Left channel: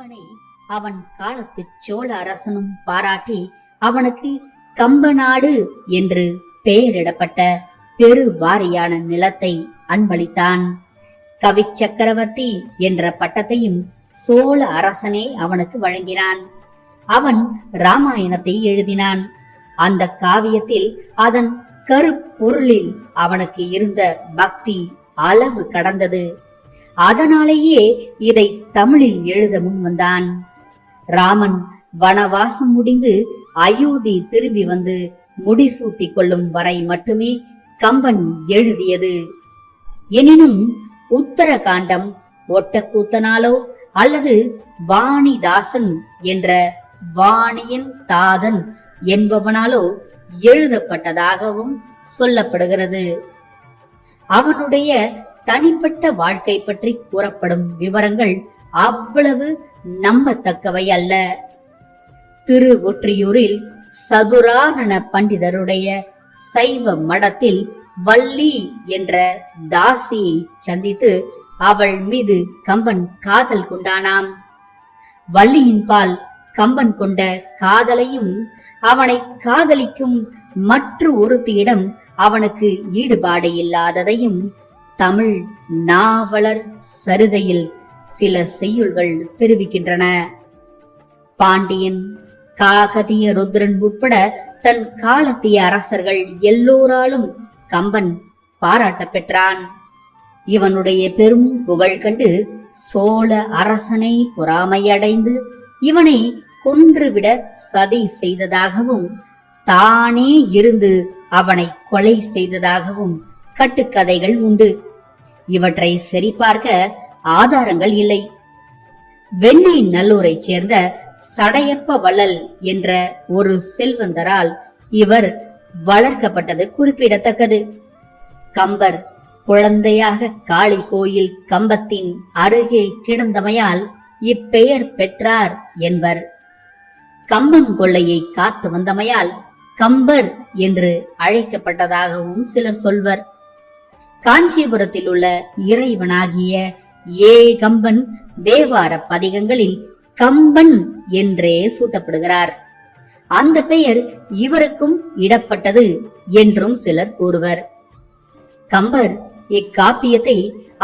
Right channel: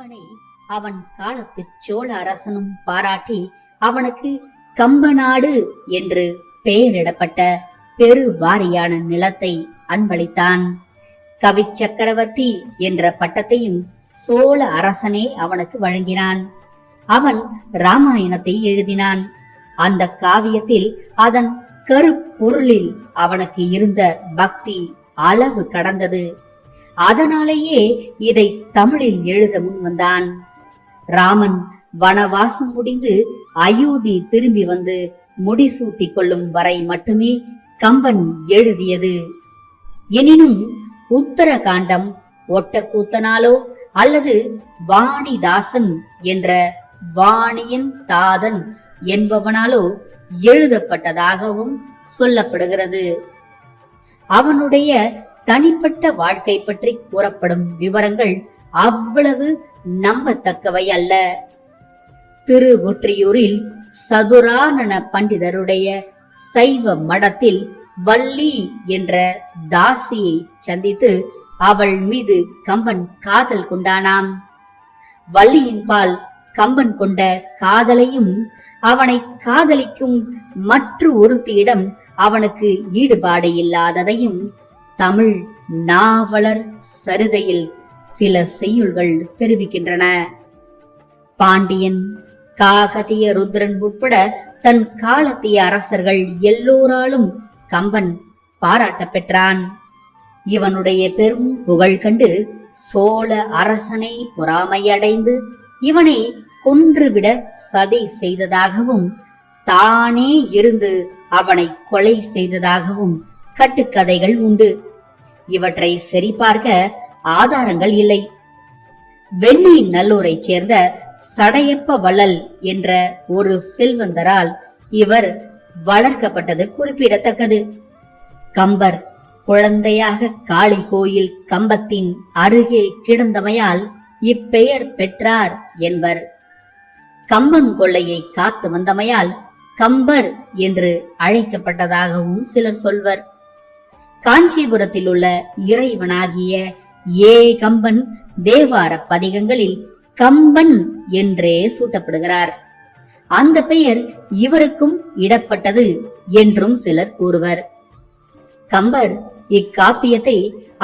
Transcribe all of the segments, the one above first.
கம்பனை அவன் காலத்து சோழ அரசனும் பாராட்டி அவனுக்கு கம்பநாடு என்று பெயரிடப்பட்ட பெருவாரியான நிலத்தை அன்பளித்தான். கவி சக்கரவர்த்தி என்ற பட்டத்தையும் சோழ அரசனே அவனுக்கு வழங்கினான். அவன் ராமாயணத்தை எழுதினான். அந்த காவியத்தில் அதன் கருப்பொருளில் அவனுக்கு இருந்த பக்தி அளவு கடந்தது. அதனாலேயே இதை தமிழில் எழுத முன் வந்தான். ராமன் வனவாசம் முடிந்து அயோத்தி திரும்பி வந்து முடிசூட்டி கொள்ளும் வரை மட்டுமே கம்பன் எழுதியது. எனினும் உத்தரகாண்டம் ஒட்டக்கூத்தனாலோ அல்லது வாணிதாசன் என்ற வாணியின் தாதன் என்பவனாலோ எழுதப்பட்டதாகவும் சொல்லப்படுகிறது. அவனுடைய தனிப்பட்ட வாழ்க்கை பற்றி கூறப்படும் விவரங்கள் அவ்வளவு நம்பத்தக்கவை அல்ல. திருவொற்றியூரில் சதுரானன பண்டிதருடைய சைவ மடத்தில் வள்ளி என்ற தாசியை சந்தித்து அவள் மீது கம்பன் காதல் கொண்டானாம். வள்ளியின் பால் கம்பன் கொண்ட காதலையும் அவனை காதலிக்கும் மற்ற ஒருத்தியிடம் அவனுக்கு ஈடுபாடு இல்லாததையும் தமிழ் நாவலர் சரிதையில் சில செய்யுள்கள் தெரிவிக்கின்றன. பாண்டியன், காகதிய ருத்ரன் உட்பட தன் காலத்திய அரசர்கள் எல்லோராலும் கம்பன் பாராட்ட பெற்றான். இவனுடைய பெரும் புகழ் கண்டு சோழ அரசனை பொறாமையடைந்து இவனை கொன்றுவிட சதி செய்ததாகவும் தானே இருந்து அவனை கொலை செய்ததாகவும் கட்டுக்கதைகள் உண்டு. இவற்றை சரிபார்க்க ஆதாரங்கள் இல்லை. வெண்ணை நல்லூரை சேர்ந்த சடையப்ப வள்ளல் என்ற ஒரு செல்வந்தரால் இவர் வளர்க்கப்பட்டது குறிப்பிடத்தக்கது. கம்பர் குழந்தையாக காளி கோயில் கம்பத்தின் அருகே கிடந்தமையால் இப்பெயர் பெற்றார் என்பர். கம்பன் கொள்ளையை காத்து வந்தமையால் கம்பர் என்று அழைக்கப்பட்டதாகவும் சிலர் சொல்வர். காஞ்சிபுரத்தில் உள்ள இறைவனாகிய கம்பன் தேவார பதிகங்களில் கம்பன் என்றே சூட்டப்படுகிறார். அந்த பெயர் இவருக்கும் இடப்பட்டது என்றும் சிலர் கூறுவர். கம்பர் இக்காப்பியத்தை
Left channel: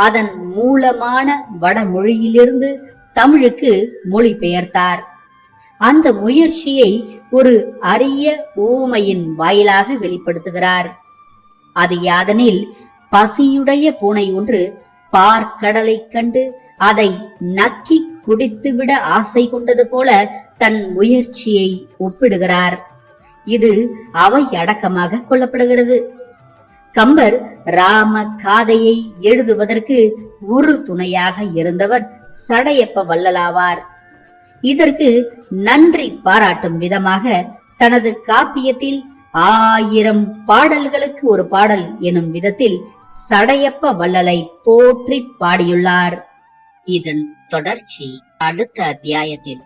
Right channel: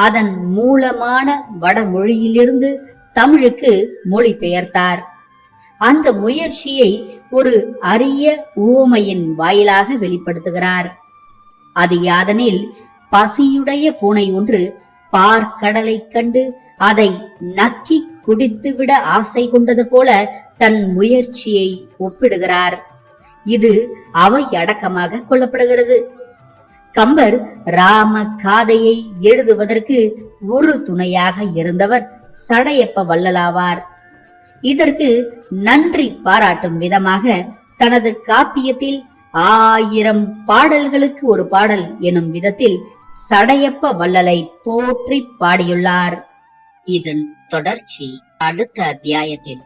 அதன் மூலமான வடமொழியிலிருந்து தமிழுக்கு மொழிபெயர்த்தார். அந்த முயற்சியை ஒரு அரிய ஊமையின் வாயிலாக வெளிப்படுத்துகிறார். அது யாதெனில், பசியுடைய பூனை ஒன்று பார்க்கடலை கண்டு அதை நக்கி குடித்துவிட ஆசை கொண்டது போல தன் முயற்சியை ஒப்பிடுகிறார். இது அவை அடக்கமாக கொள்ளப்படுகிறது. கம்பர் ராம காதையை எழுதுவதற்கு ஒரு துணையாக இருந்தவர் சடையப்ப வள்ளலாவார். இதற்கு நன்றி பாராட்டும் விதமாக தனது காப்பியத்தில் 1000 பாடல்களுக்கு ஒரு பாடல் எனும் விதத்தில் சடையப்ப வள்ளலை போற்றி பாடியுள்ளார். இதன் தொடர்ச்சி அடுத்த அத்தியாயத்தில்.